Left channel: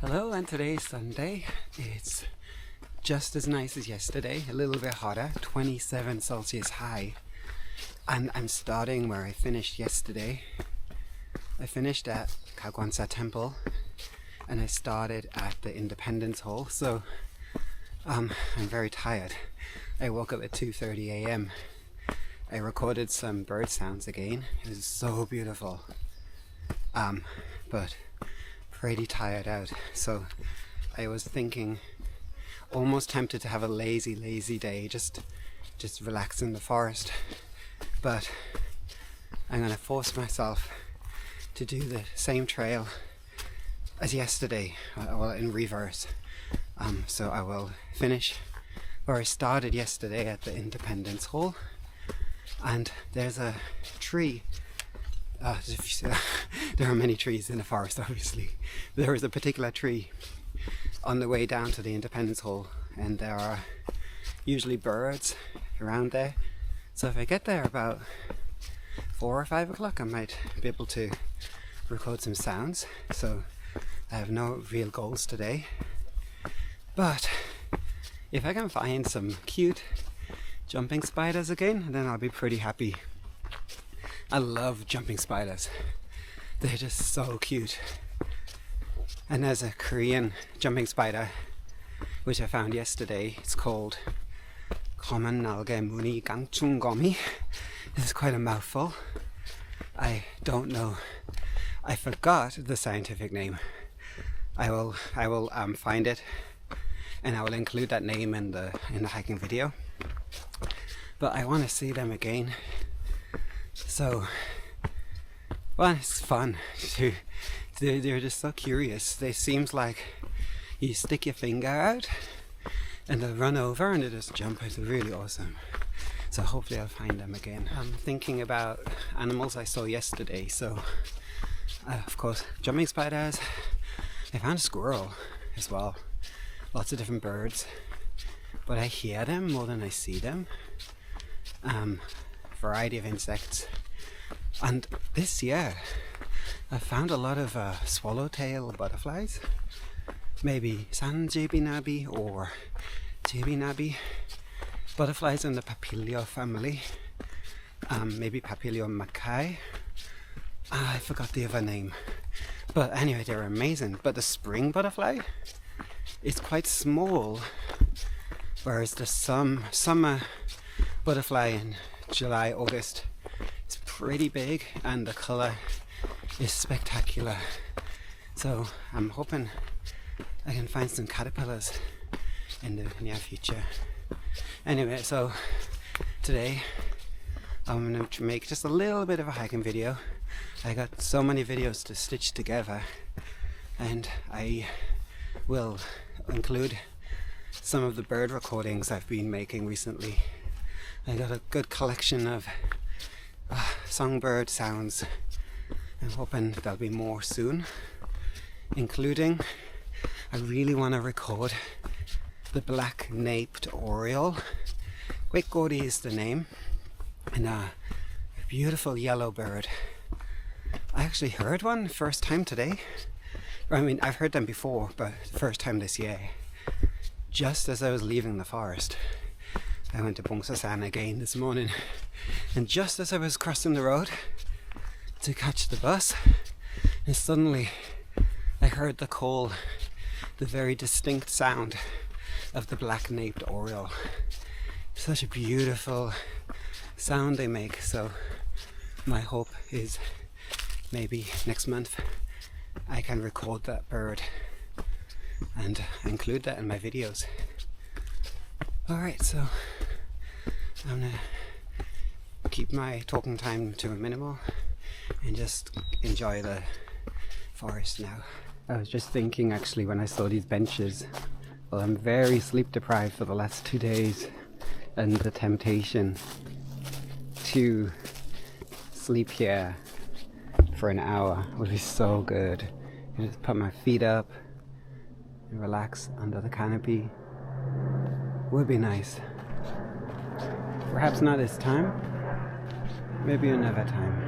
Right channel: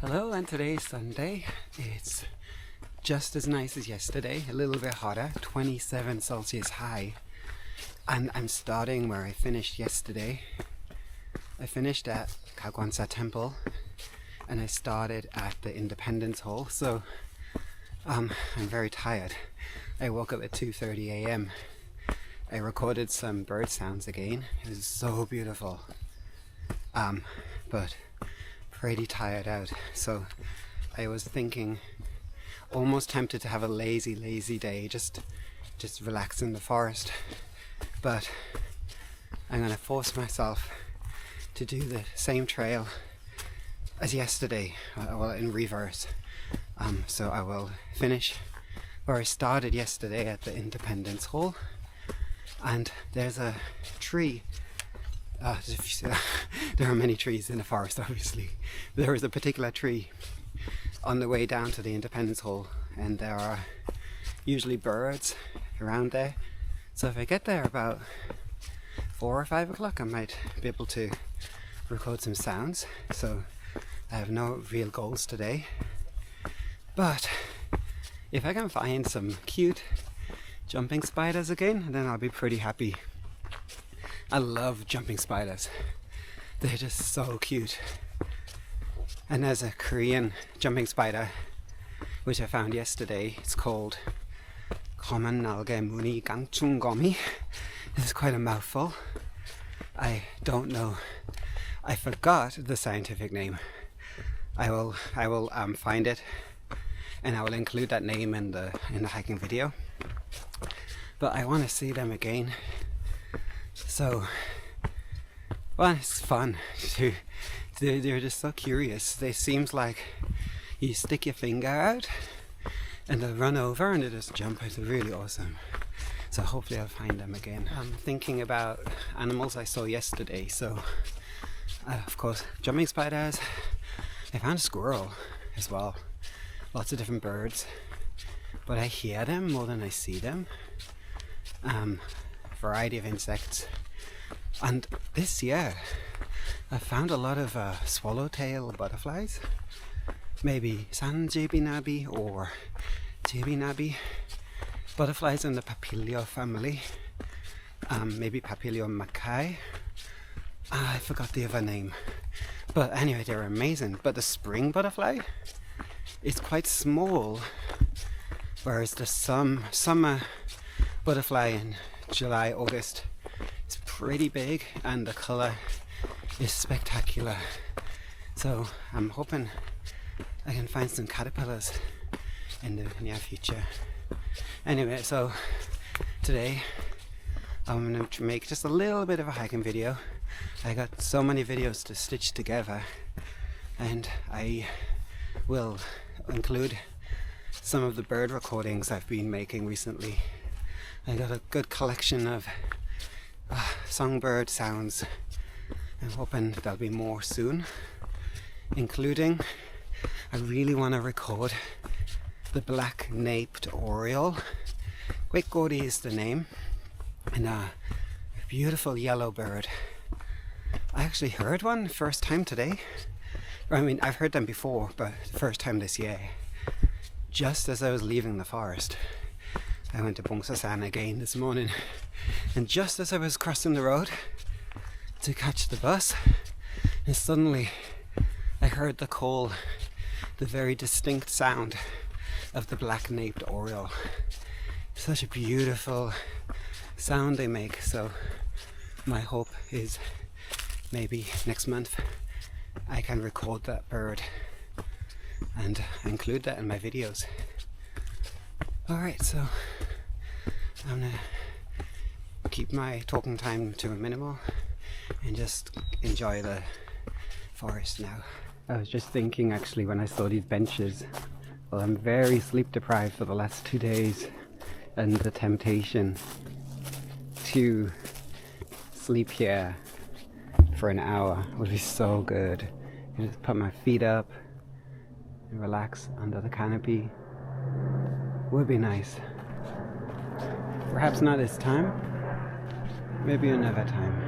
Hello, and today's Sunday. It's just as nice as yesterday, a little bit hotter, 27 Celsius high. And I'm starting where I finished yesterday. I finished at Heukseongsan Temple and I started at the Independence Hall, so I'm very tired. I woke up at 2:30 a.m. I recorded some bird sounds again. It was so beautiful. But pretty tired out, so I was thinking, almost tempted to have a lazy day, just relax in the forest, but I'm gonna force myself to do the same trail as yesterday, well, in reverse. So I will finish where I started yesterday at the Independence Hall, and there's a tree. There are many trees in the forest, obviously. There is a particular tree on the way down to the Independence Hall, and there are usually birds around there. So if I get there about 4 or 5 o'clock, I might be able to record some sounds. So I have no real goals today, but if I can find some cute jumping spiders again, then I'll be pretty happy. I love jumping spiders. They're just so cute. And there's a Korean jumping spider which I found yesterday. It's called common 날개 무늬 깡충거미. This is quite a mouthful. I don't know. I forgot the scientific name. I will find it, and I will include that name in the hiking video. But I want to see them again. So, well, it's fun. They're just so curious. They seems like you stick your finger out and they'll run over and they just jump. It's really awesome. So hopefully I'll find them again. I'm thinking about animals I saw yesterday. So, of course, jumping spiders. I found a squirrel as well. Lots of different birds. But I hear them more than I see them. Variety of insects, and this year I found a lot of swallowtail butterflies, maybe sanjebinabi or jebinabi, butterflies in the Papilio family, maybe Papilio macae. I forgot the other name, but anyway, they're amazing. But the spring butterfly is quite small, whereas the summer butterfly in July, August, it's pretty big and the colour is spectacular. So I'm hoping I can find some caterpillars in the near future. Anyway, so today I'm going to make just a little bit of a hiking video. I got so many videos to stitch together, and I will include some of the bird recordings I've been making recently. I got a good collection of songbird sounds. I'm hoping there'll be more soon, including I really want to record the black-naped oriole. Quickgordy is the name, and a beautiful yellow bird. I actually heard one first time today. I mean, I've heard them before, but first time this year, just as I was leaving the forest. I went to Heukseongsan again this morning, and just as I was crossing the road to catch the bus, and suddenly I heard the call, the very distinct sound of the black-naped oriole. Such a beautiful sound they make. So my hope is maybe next month I can record that bird and include that in my videos. Alright, so I'm gonna keep my talking time to a minimal and just enjoy the forest now. I was just thinking actually when I saw these benches, well, I'm very sleep deprived for the last 2 days, and the temptation to sleep here for an hour would be so good. I just put my feet up and relax under the canopy. Would be nice. Perhaps not this time, maybe another time.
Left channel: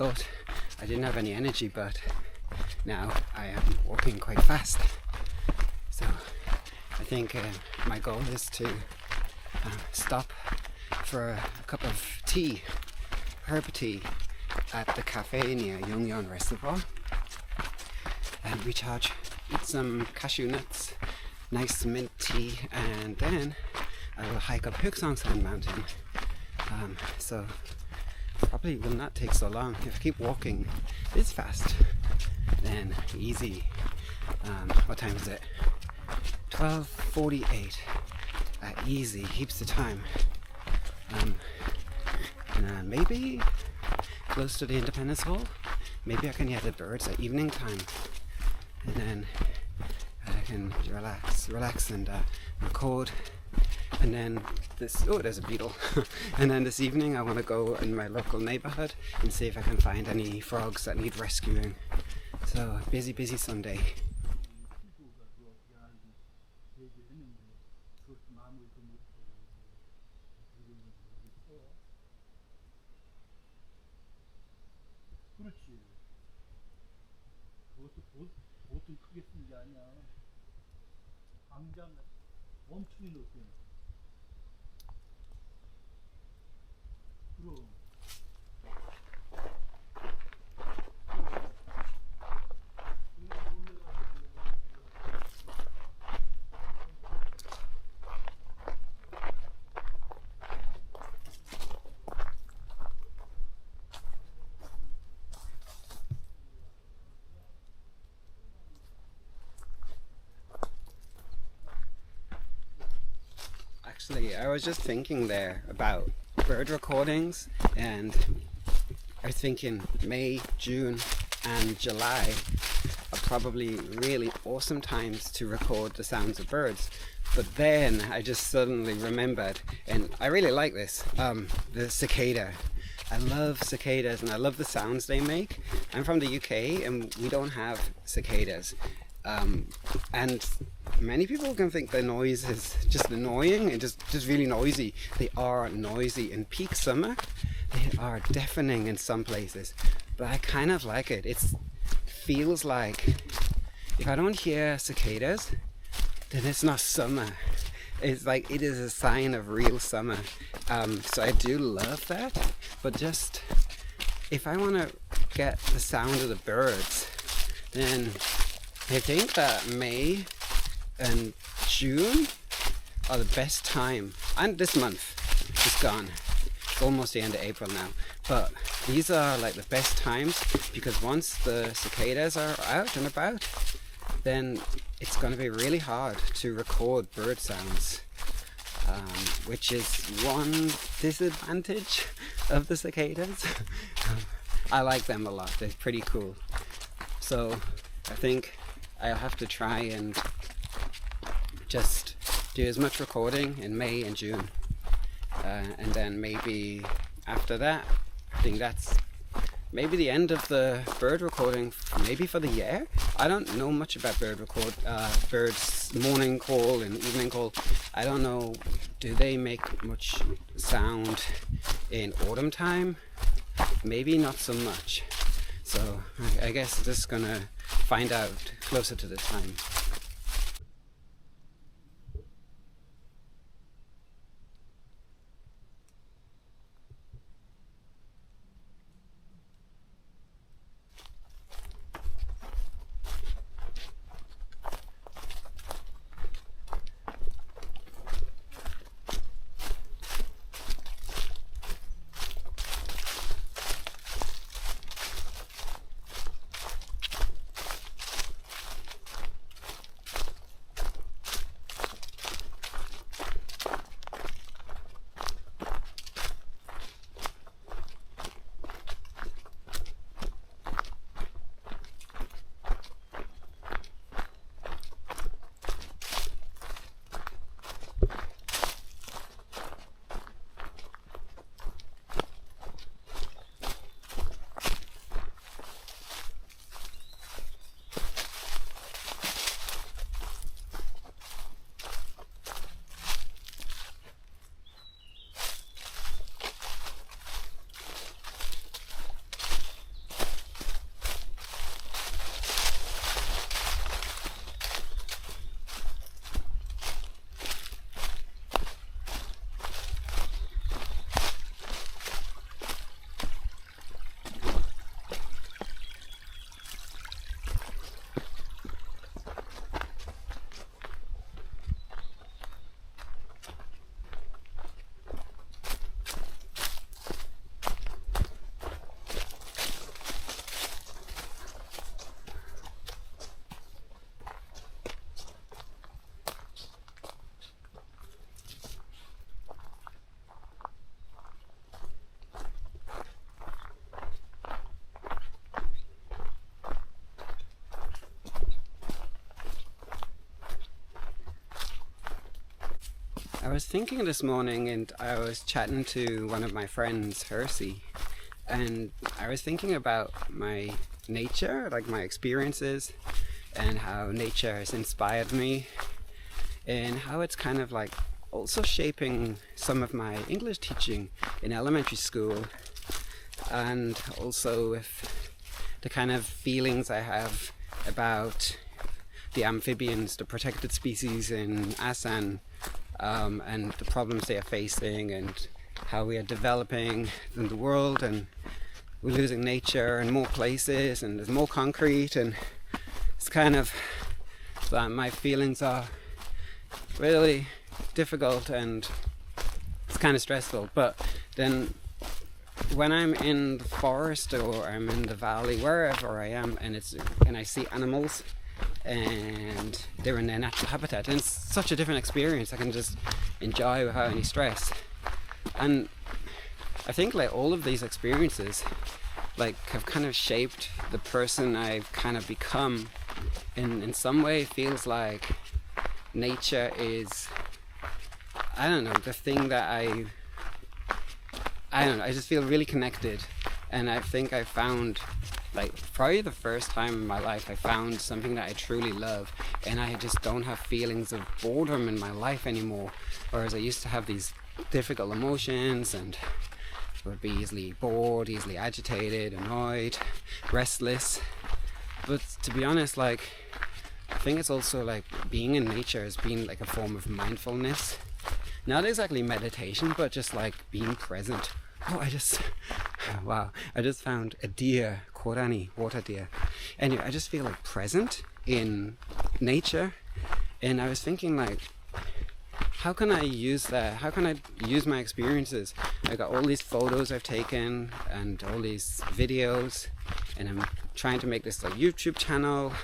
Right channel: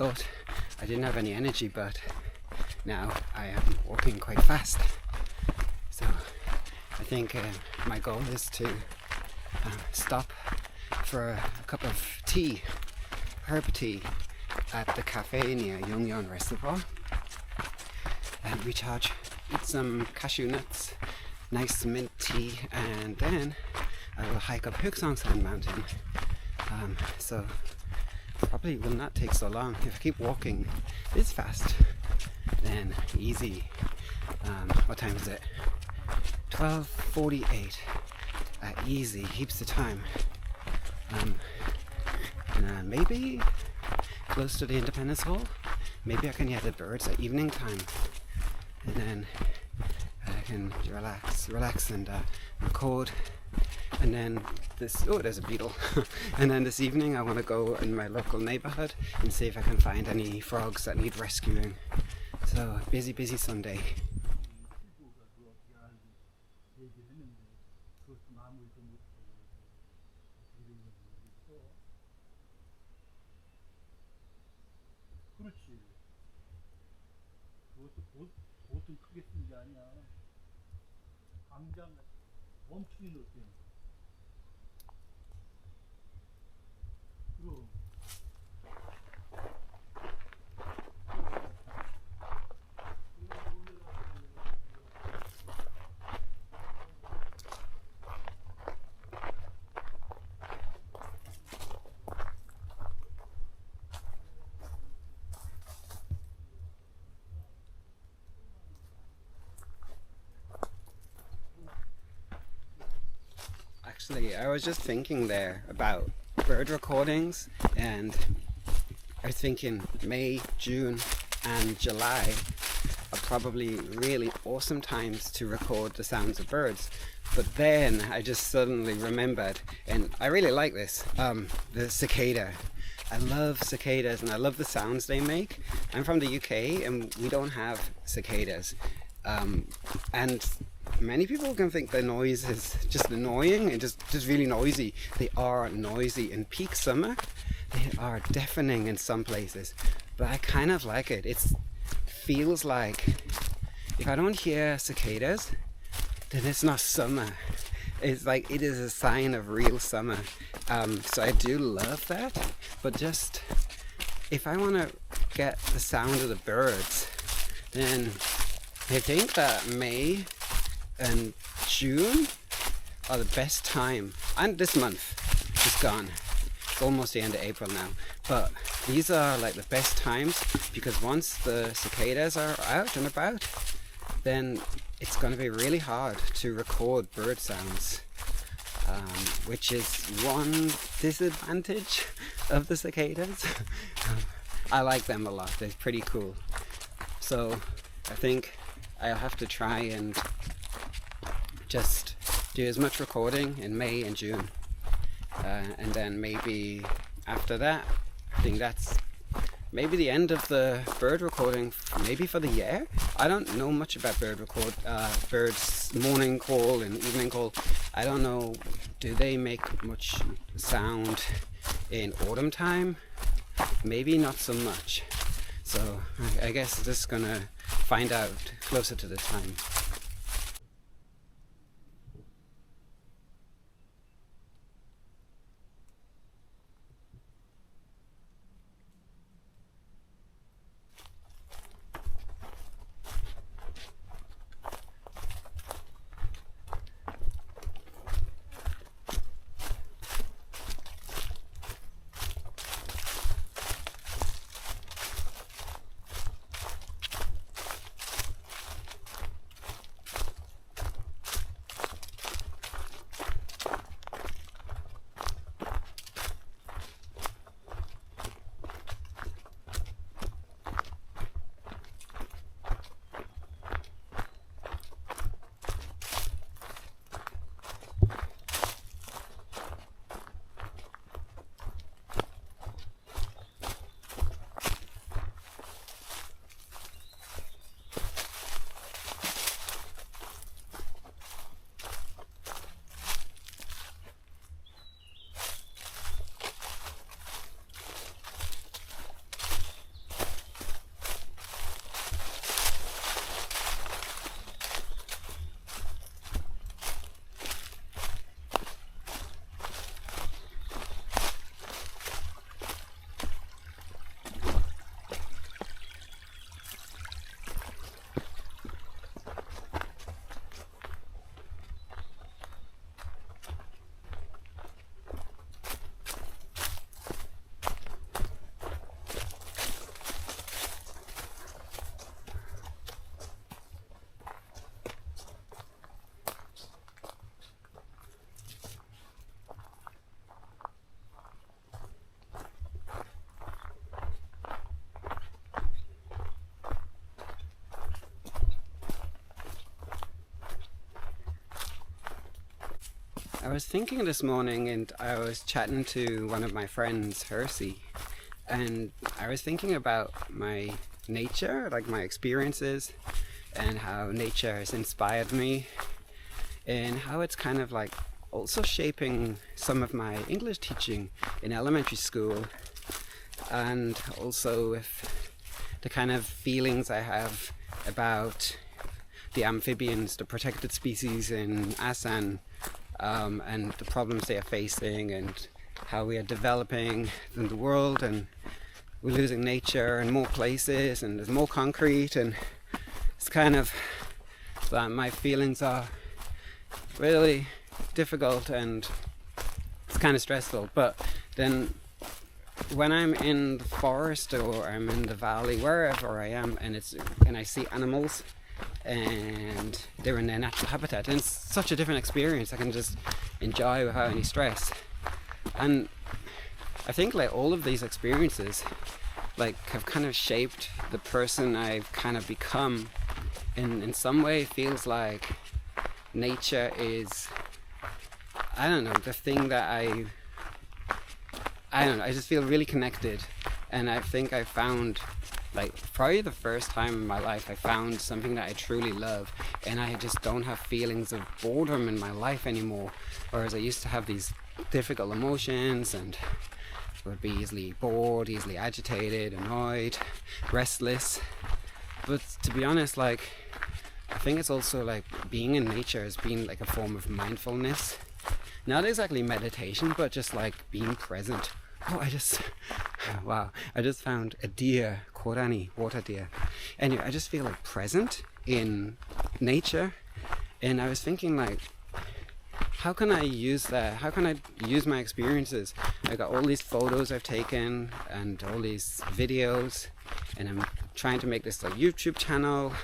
thought I didn't have any energy, but now I am walking quite fast. So I think my goal is to stop for a cup of tea, herb tea, at the cafe near Yongyeon Reservoir and recharge, eat some cashew nuts, nice mint tea, and then I will hike up Heukseongsan mountain. So probably will not take so long. If I keep walking this fast, then easy. What time is it? 12:48. Easy, heaps of time. Maybe close to the Independence Hall. Maybe I can hear the birds at evening time, and then I can relax and record. And then there's a beetle. And then this evening I want to go in my local neighborhood and see if I can find any frogs that need rescuing. So busy Sunday. 그렇지. 그것도 보통 크게 쓴 게 아니야. 당장 멈추는 높이. 그럼. Actually, I was just thinking there about bird recordings, and I was thinking May, June and July are probably really awesome times to record the sounds of birds. But then I just suddenly remembered, and I really like this, the cicada. I love cicadas and I love the sounds they make. I'm from the UK and we don't have cicadas. And many people can think the noise is just annoying and just really noisy. They are noisy in peak summer. They are deafening in some places, but I kind of like it. It feels like if I don't hear cicadas, then it's not summer. It's like it is a sign of real summer. So I do love that, but just if I want to get the sound of the birds, then I think that May and June are the best time, and this month is gone. It's almost the end of April now, but these are like the best times, because once the cicadas are out and about, then it's going to be really hard to record bird sounds, which is one disadvantage of the cicadas. I like them a lot, they're pretty cool. So I think I'll have to try and just do as much recording in May and June, and then maybe after that, I think that's maybe the end of the bird recording, maybe for the year. I don't know much about birds morning call and evening call. I don't know, do they make much sound in autumn time? Maybe not so much. So I guess just gonna find out closer to the time. I was thinking this morning, and I was chatting to one of my friends, Hersey, and I was thinking about my nature, like my experiences, and how nature has inspired me, and how it's kind of like also shaping some of my English teaching in elementary school, and also with the kind of feelings I have about the amphibians, the protected species in Asan, and the problems they are facing, and how we are developing in the world, and we're losing nature in more places, and there's more concrete, and it's kind of that my feelings are really difficult and it's kind of stressful. But then when I'm in the forest or I'm in the valley, wherever I am, and I see animals and they're in their natural habitat, and it's such a different experience. I can just enjoy without any stress. And I think like all of these experiences like have kind of shaped the person I've kind of become. In some way it feels like nature is, I don't know, the thing that I don't know, I just feel really connected. And I think I found, like, probably the first time in my life I found something that I truly love, and I just don't have feelings of boredom in my life anymore, whereas I used to have these difficult emotions and would be easily bored, easily agitated, annoyed, restless. But to be honest, like, I think it's also like being in nature has been like a form of mindfulness. Not exactly meditation, but just like being present. Oh, wow, I just found a deer, korani, water deer. Anyway, I just feel like present in nature. And I was thinking like, how can I use that? How can I use my experiences? I got all these photos I've taken and all these videos, and I'm trying to make this like YouTube channel.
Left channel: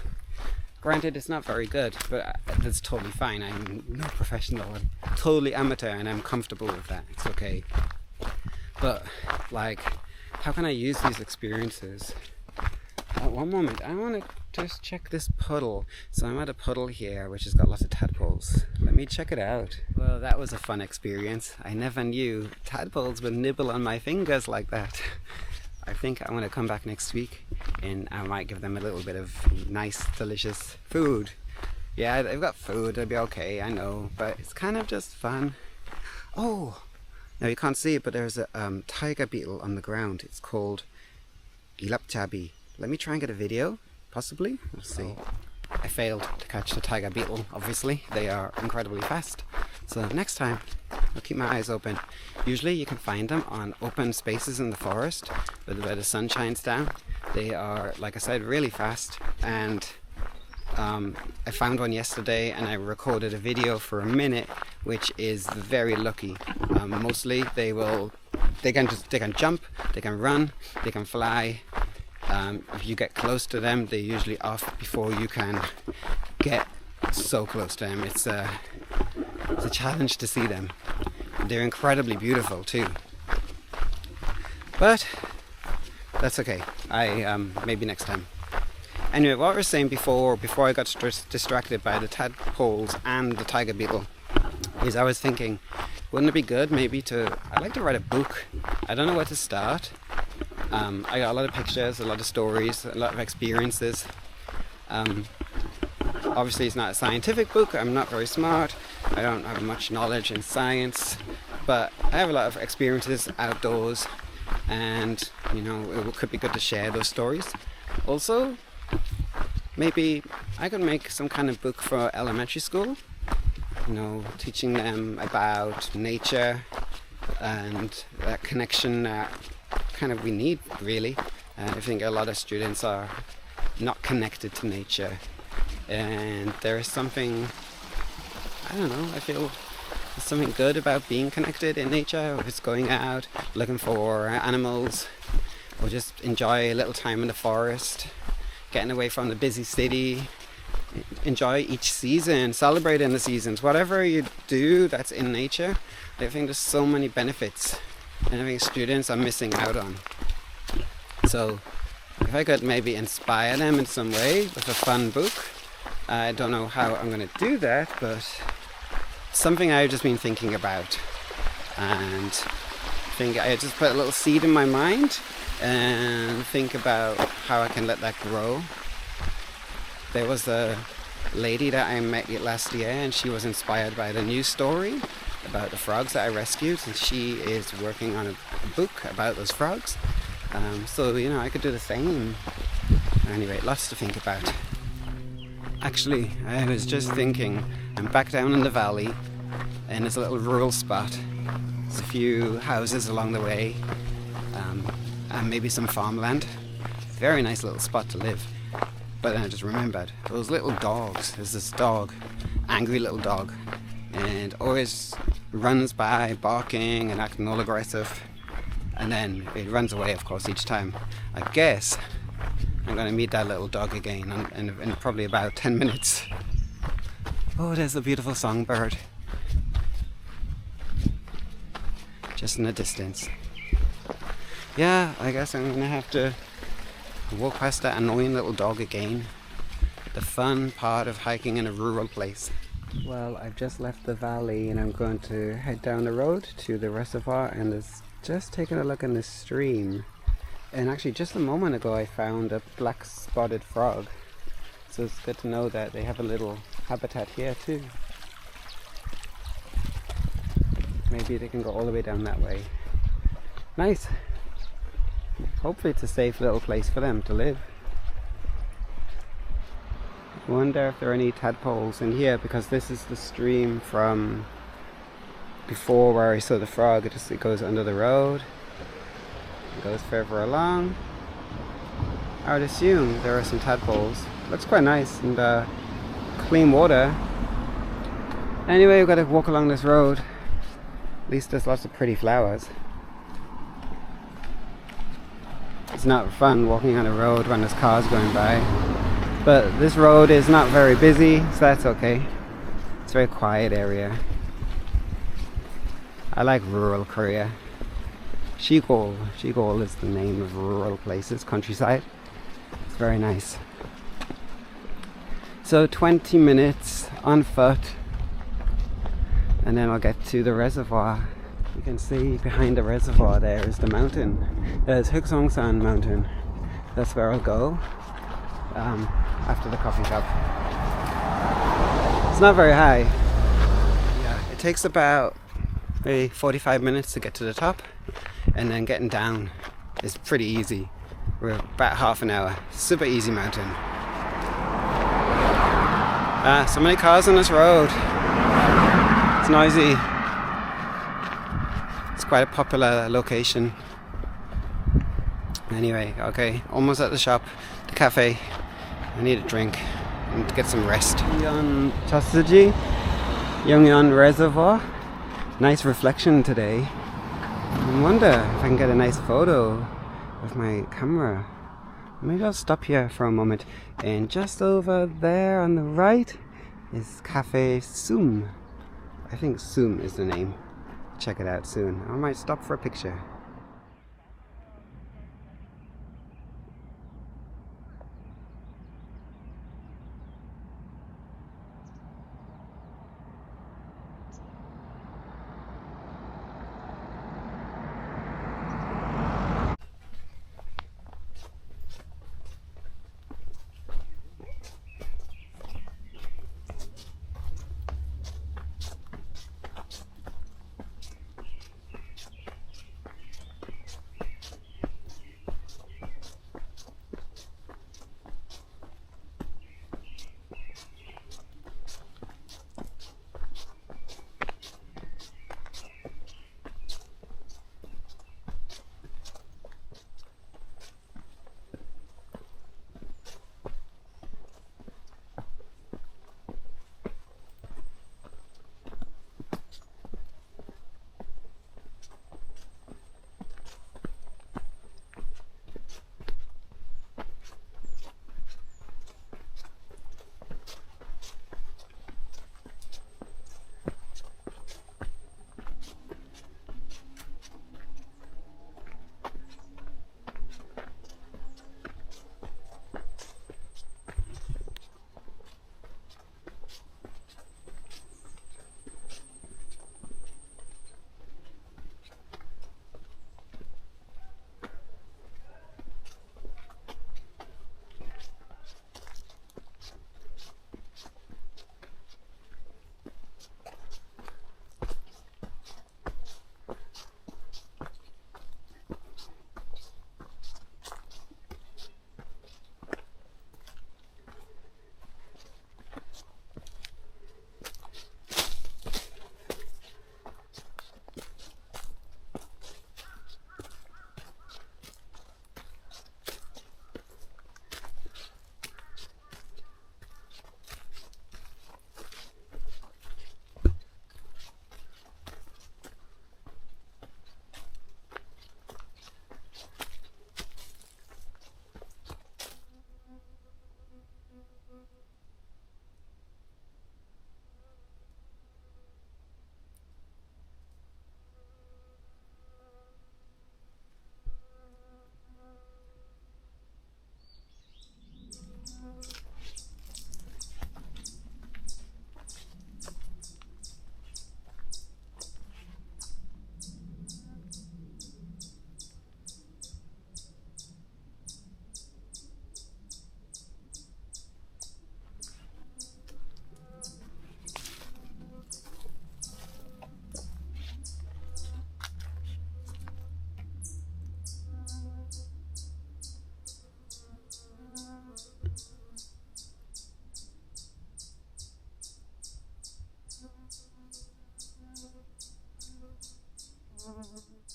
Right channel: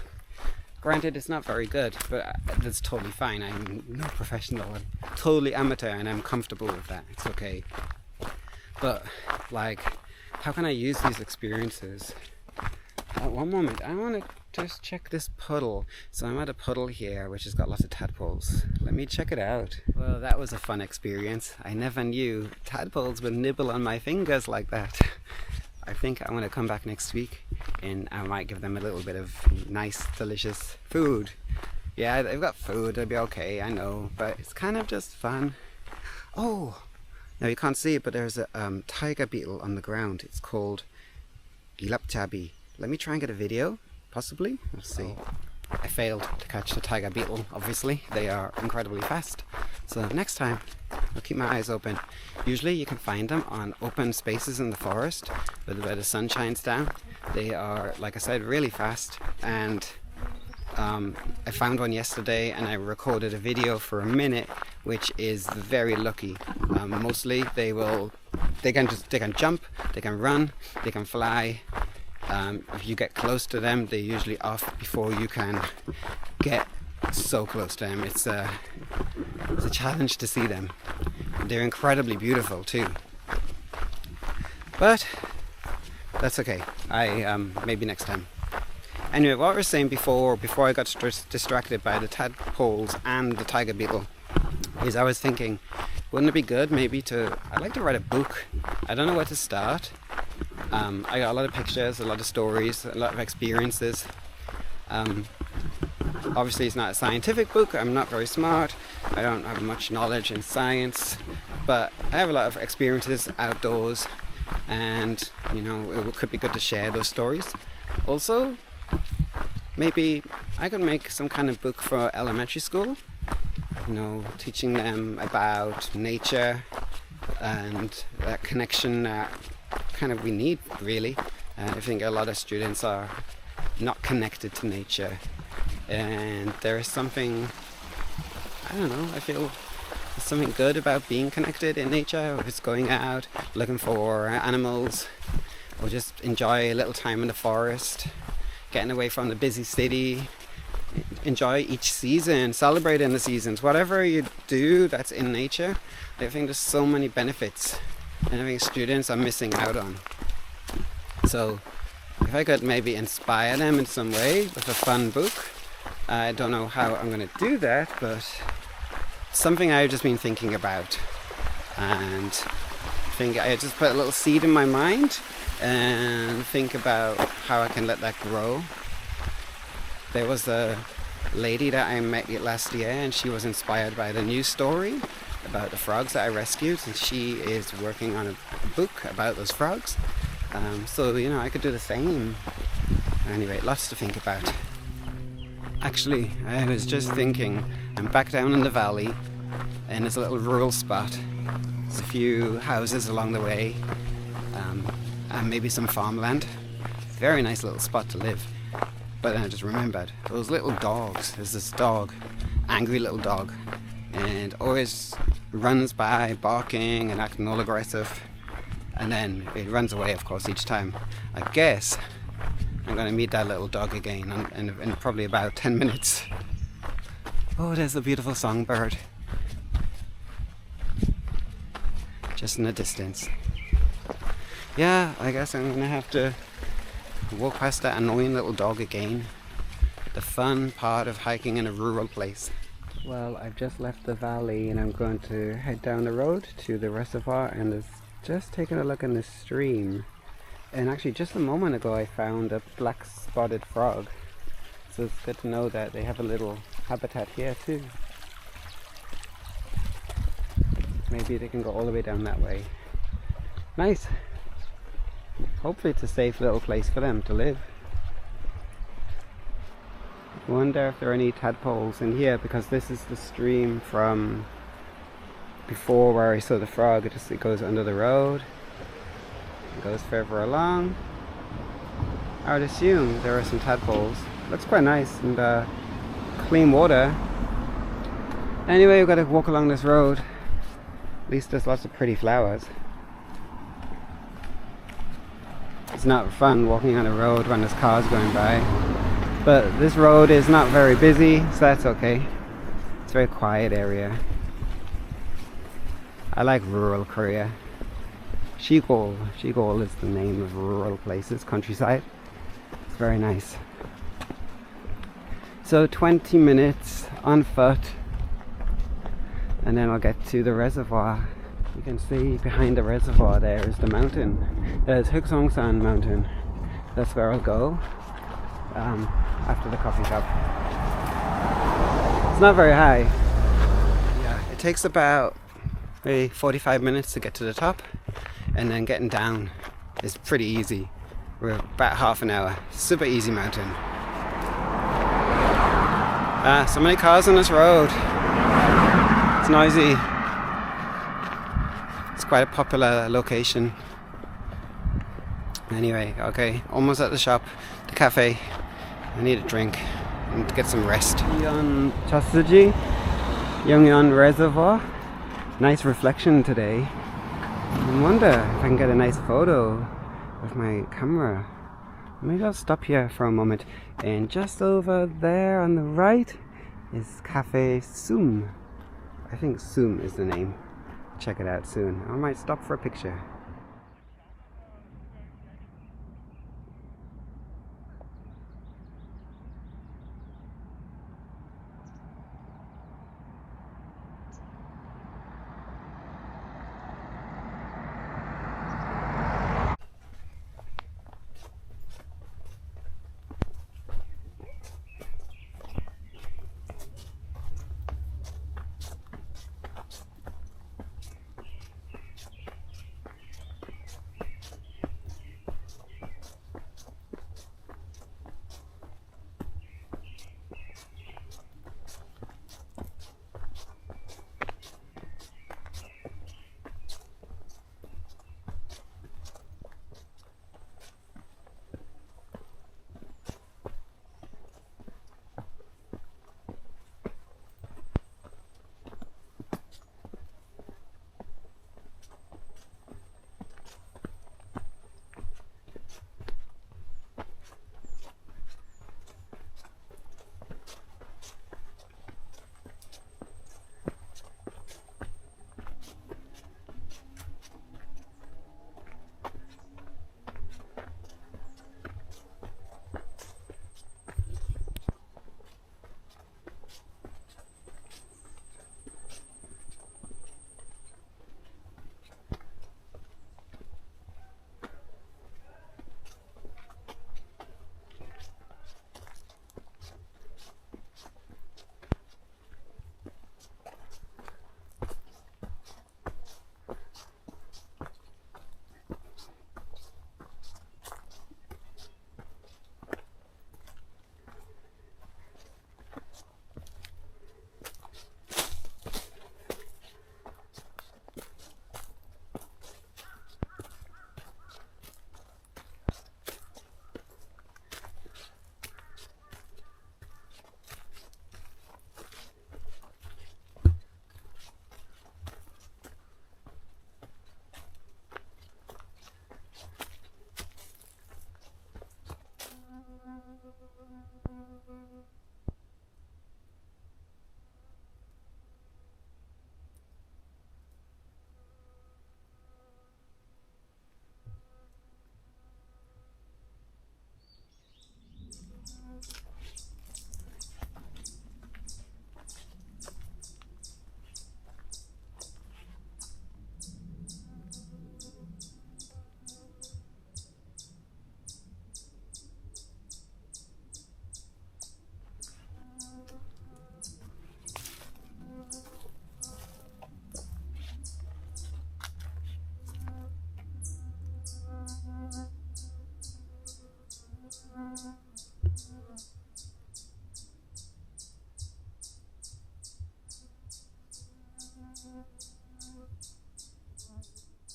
Granted, it's not very good, but that's totally fine. I'm no professional. I'm totally amateur, and I'm comfortable with that. It's okay. But like, how can I use these experiences? One moment, I want to just check this puddle. So I'm at a puddle here which has got lots of tadpoles. Let me check it out. Well, that was a fun experience. I never knew tadpoles would nibble on my fingers like that. I think I want to come back next week and I might give them a little bit of nice, delicious food. Yeah, they've got food, it'll be okay, I know, but it's kind of just fun. Oh, now you can't see it, but there's a tiger beetle on the ground. It's called Gilapchabi. Let me try and get a video, possibly. Let's see. I failed to catch the tiger beetle, obviously. They are incredibly fast. So next time, I'll keep my eyes open. Usually you can find them on open spaces in the forest where the sun shines down. They are, like I said, really fast. And I found one yesterday and I recorded a video for a minute, which is very lucky. Mostly they can jump, they can run, they can fly. If you get close to them, they're usually off before you can get so close to them. It's a challenge to see them. They're incredibly beautiful too. But that's okay. Maybe next time. Anyway, what I was saying before I got distracted by the tadpoles and the tiger beetle, is I was thinking, wouldn't it be good maybe I'd like to write a book. I don't know where to start. I got a lot of pictures, a lot of stories, a lot of experiences. Obviously it's not a scientific book, I'm not very smart, I don't have much knowledge in science, but I have a lot of experiences outdoors, and you know, it could be good to share those stories. Also, maybe I could make some kind of book for elementary school, you know, teaching them about nature and that connection that kind of we need, really. I think a lot of students are not connected to nature, and there is something, I don't know, I feel there's something good about being connected in nature, or just going out looking for animals, or just enjoy a little time in the forest, getting away from the busy city, enjoy each season, celebrating the seasons, whatever you do that's in nature. I think there's so many benefits, and I think students are missing out on. So if I could maybe inspire them in some way with a fun book, I don't know how I'm going to do that, but something I've just been thinking about, and think I just put a little seed in my mind and think about how I can let that grow. There was a lady that I met last year, and she was inspired by the news story about the frogs that I rescued, and she is working on a book about those frogs. So I could do the same. Anyway, lots to think about. Actually, I was just thinking, I'm back down in the valley, and it's a little rural spot. There's a few houses along the way, and maybe some farmland. Very nice little spot to live. But then I just remembered those little dogs. There's this dog, angry little dog, and always runs by barking and acting all aggressive, and then it runs away, of course, each time. I guess I'm going to meet that little dog again in probably about 10 minutes. Oh, there's a beautiful songbird just in the distance. Yeah, I guess I'm going to have to walk past that annoying little dog again. The fun part of hiking in a rural place. Well, I've just left the valley and I'm going to head down the road to the reservoir, and just taking a look in the stream. And actually just a moment ago I found a black spotted frog. So it's good to know that they have a little habitat here too. Maybe they can go all the way down that way. Nice. Hopefully it's a safe little place for them to live. I wonder if there are any tadpoles in here, because this is the stream from before where I saw the frog. It goes under the road. It goes further along. I would assume there are some tadpoles. Looks quite nice and clean water. Anyway, we've got to walk along this road. At least there's lots of pretty flowers. It's not fun walking on a road when there's cars going by. But this road is not very busy, so that's okay. It's a very quiet area. I like rural Korea. Shigol is the name of rural places, countryside. It's very nice. So 20 minutes on foot, and then I'll get to the reservoir. You can see behind the reservoir there is the mountain. There's Heukseongsan mountain. That's where I'll go after the coffee shop. It's not very high. Yeah, it takes about maybe 45 minutes to get to the top, and then getting down is pretty easy. We're about half an hour. Super easy mountain. So many cars on this road. It's noisy. It's quite a popular location. Anyway, okay, almost at the shop, the cafe. I need a drink and to get some rest. Yeon Chasuji, Yeongyeon Reservoir. Nice reflection today. I wonder if I can get a nice photo with my camera. Maybe I'll stop here for a moment. And just over there on the right is Cafe Sum. I think Sum is the name. Check it out soon. I might stop for a picture.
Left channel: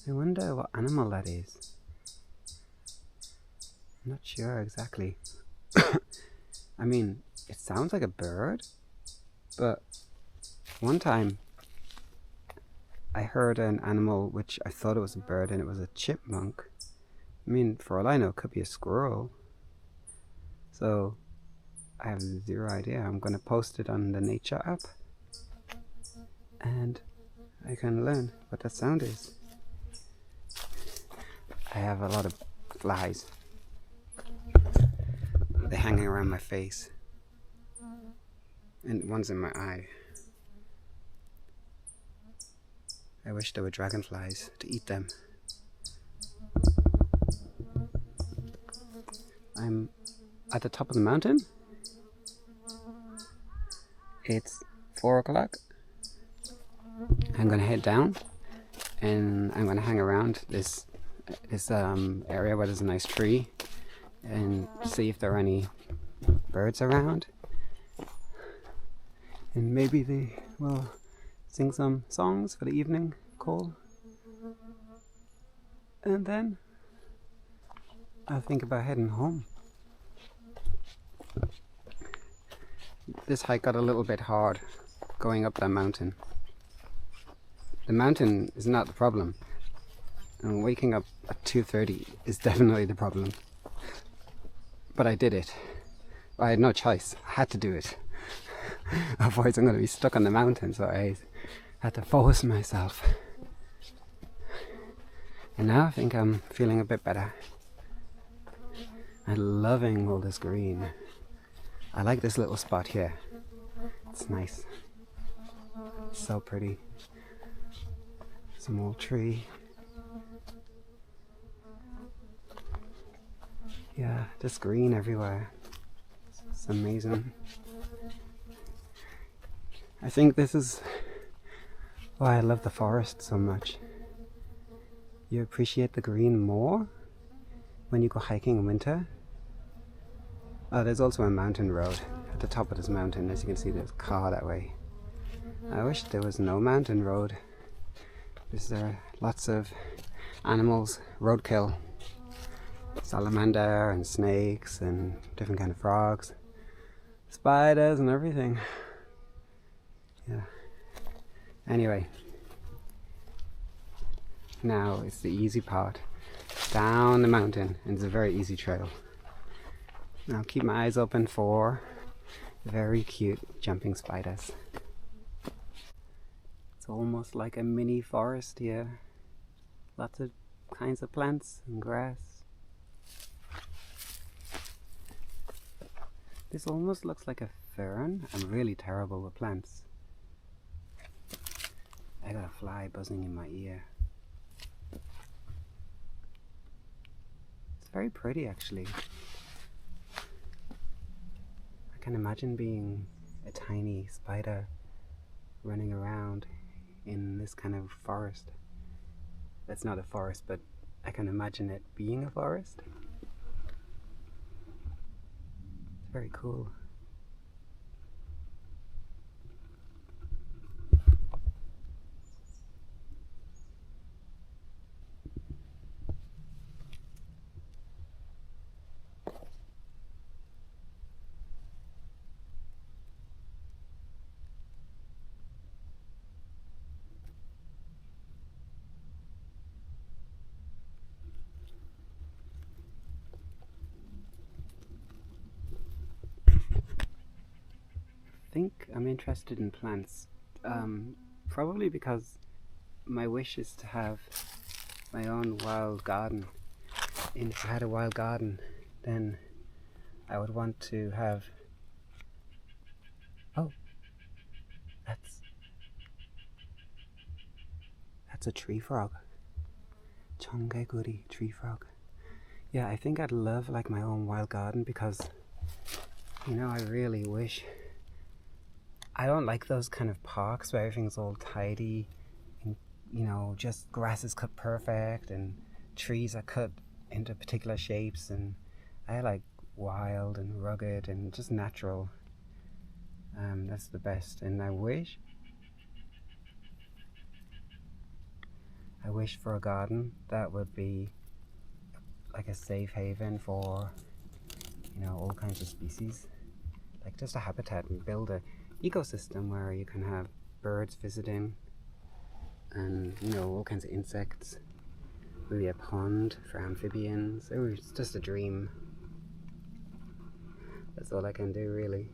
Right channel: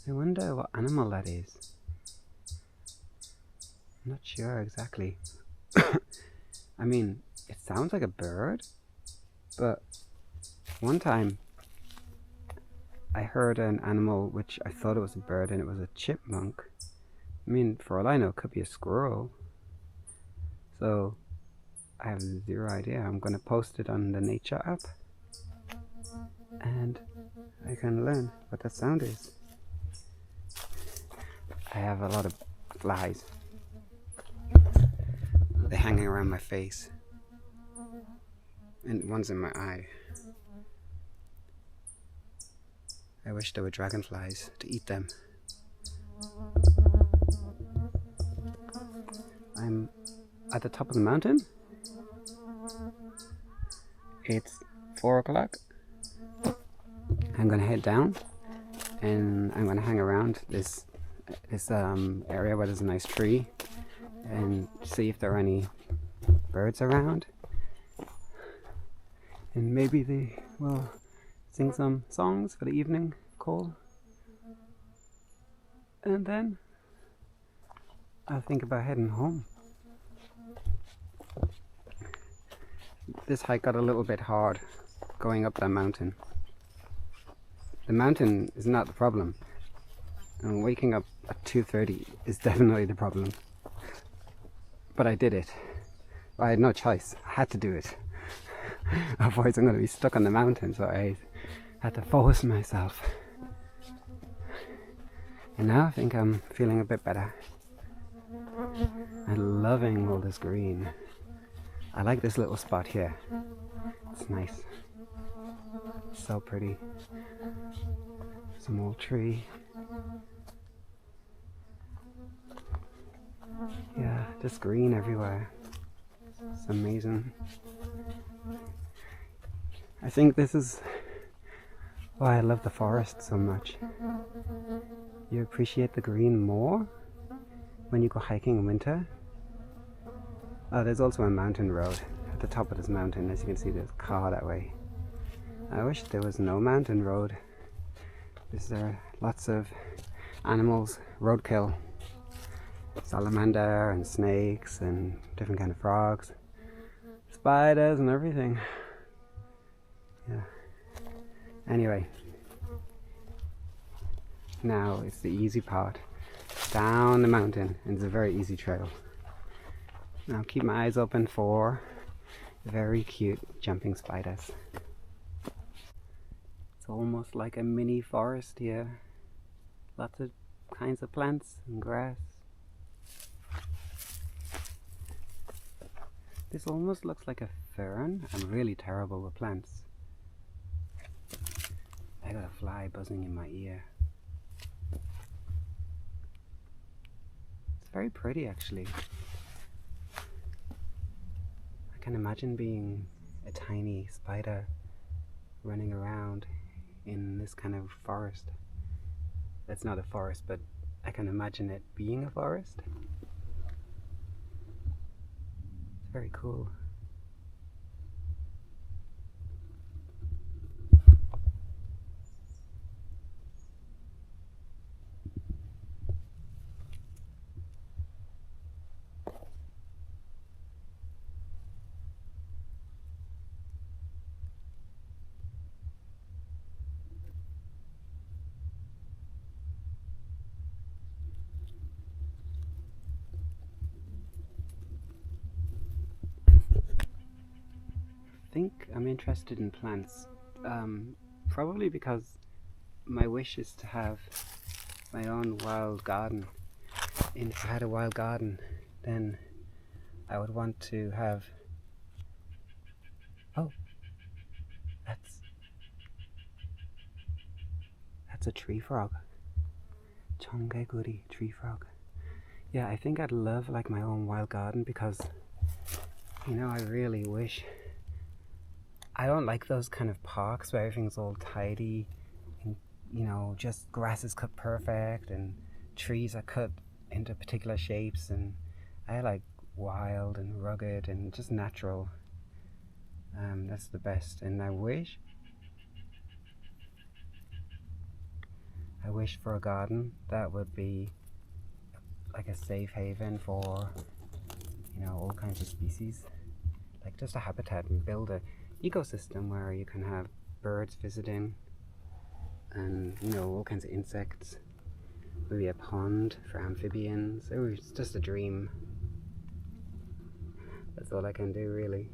I wonder what animal that is. I'm not sure exactly. I mean, it sounds like a bird, but one time I heard an animal which I thought it was a bird, and it was a chipmunk. I mean, for all I know, it could be a squirrel. So I have zero idea. I'm going to post it on the nature app, and I can learn what that sound is. I have a lot of flies. They're hanging around my face, and one's in my eye. I wish there were dragonflies to eat them. I'm at the top of the mountain. It's 4 o'clock. I'm gonna head down, and I'm gonna hang around this area where there's a nice tree and see if there are any birds around, and maybe they will sing some songs for the evening call, and then I'll think about heading home. This hike got a little bit hard going up that mountain. The mountain is not the problem, and waking up at 2:30 is definitely the problem. But I did it. I had no choice. I had to do it. Otherwise I'm going to be stuck on the mountain, so I had to force myself. And now I think I'm feeling a bit better. I'm loving all this green. I like this little spot here. It's nice. It's so pretty. Some old tree. Yeah, just green everywhere. It's amazing. I think this is why I love the forest so much. You appreciate the green more when you go hiking in winter. Oh, there's also a mountain road at the top of this mountain. As you can see, there's a car that way. I wish there was no mountain road. There are lots of animals, roadkill. Salamander and snakes and different kind of frogs, spiders and everything. Yeah. Anyway, now it's the easy part. Down the mountain, and it's a very easy trail. Now keep my eyes open for very cute jumping spiders. It's almost like a mini forest here. Lots of kinds of plants and grass. This almost looks like a fern. I'm really terrible with plants. I got a fly buzzing in my ear. It's very pretty actually. I can imagine being a tiny spider running around in this kind of forest. That's not a forest, but I can imagine it being a forest. It's very cool. I think I'm interested in plants, probably because my wish is to have my own wild garden. And if I had a wild garden, then I would want to have... Oh, that's a tree frog. Chongeguri tree frog. Yeah, I think I'd love like my own wild garden because, you know, I really wish... I don't like those kind of parks where everything's all tidy and, you know, just grass is cut perfect and trees are cut into particular shapes, and I like wild and rugged and just natural. That's the best, and I I wish for a garden that would be like a safe haven for, you know, all kinds of species. Like just a habitat, and build a ecosystem where you can have birds visiting and, you know, all kinds of insects. Maybe a pond for amphibians. It was just a dream. That's all I can do, really.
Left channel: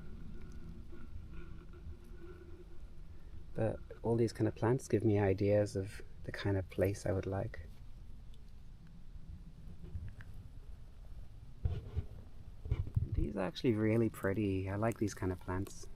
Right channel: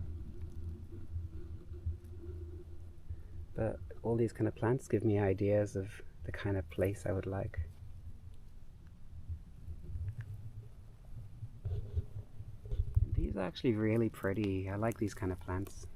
But all these kind of plants give me ideas of the kind of place I would like. These are actually really pretty. I like these kind of plants.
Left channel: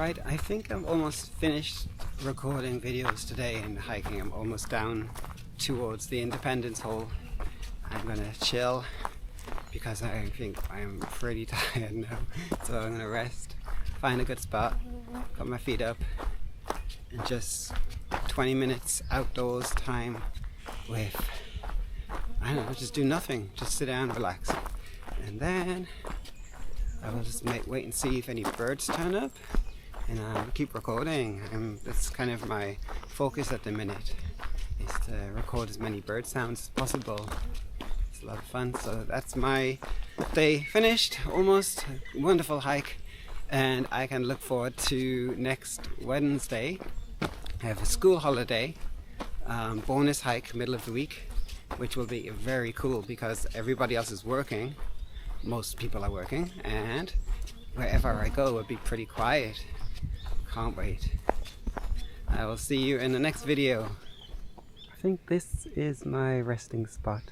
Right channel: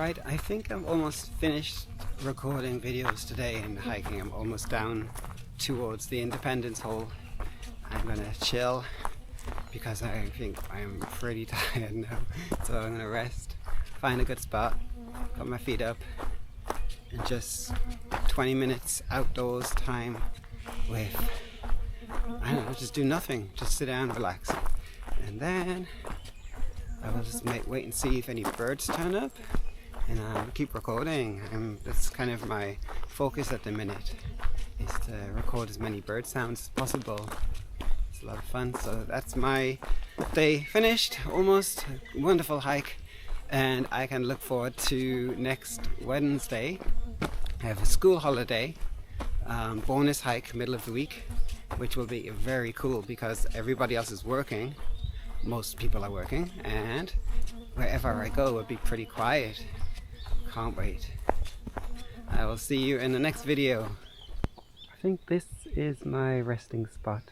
Right, I think I'm almost finished recording videos today and hiking. I'm almost down towards the Independence Hole. I'm gonna chill because I think I'm pretty tired now, so I'm gonna rest, find a good spot, put my feet up, and just 20 minutes outdoors time with, I don't know, just do nothing, just sit down and relax. And then I will just wait and see if any birds turn up, and I'll keep recording. That's kind of my focus at the minute, is to record as many bird sounds as possible. It's a lot of fun. So that's my day finished, almost. Wonderful hike, and I can look forward to next Wednesday. I have a school holiday, bonus hike middle of the week, which will be very cool because everybody else is working. Most people are working, and wherever I go will be pretty quiet. Can't wait. I will see you in the next video. I think this is my resting spot,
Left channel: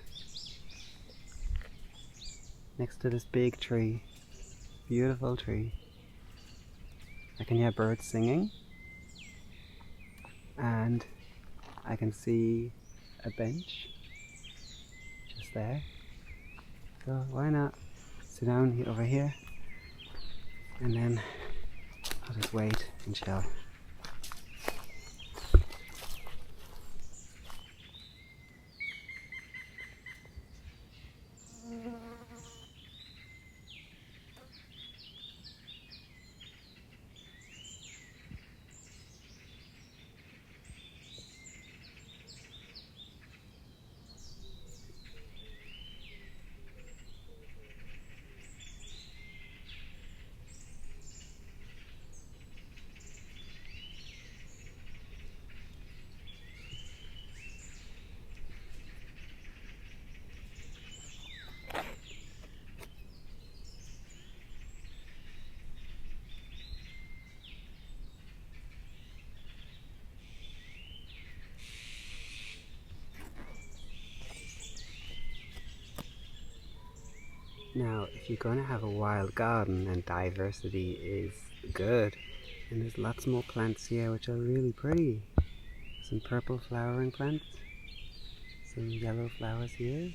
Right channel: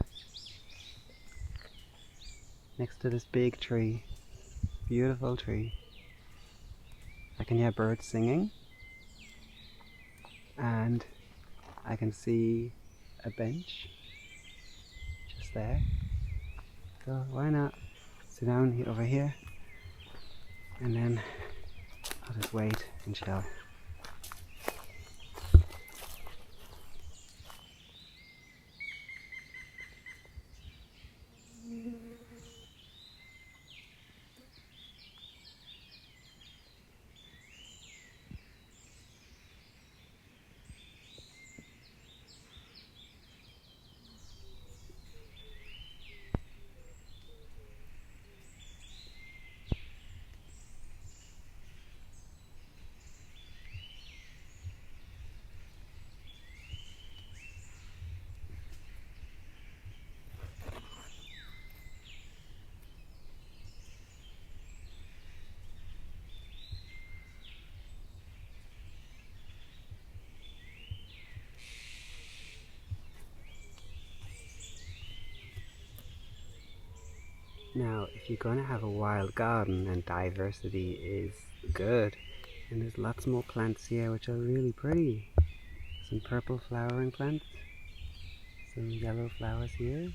next to this big tree. Beautiful tree. I can hear birds singing, and I can see a bench just there. So why not sit down over here, and then I'll just wait and chill. Now, if you're going to have a wild garden, then diversity is good. And there's lots more plants here which are really pretty. Some purple flowering plants, some yellow flowers here,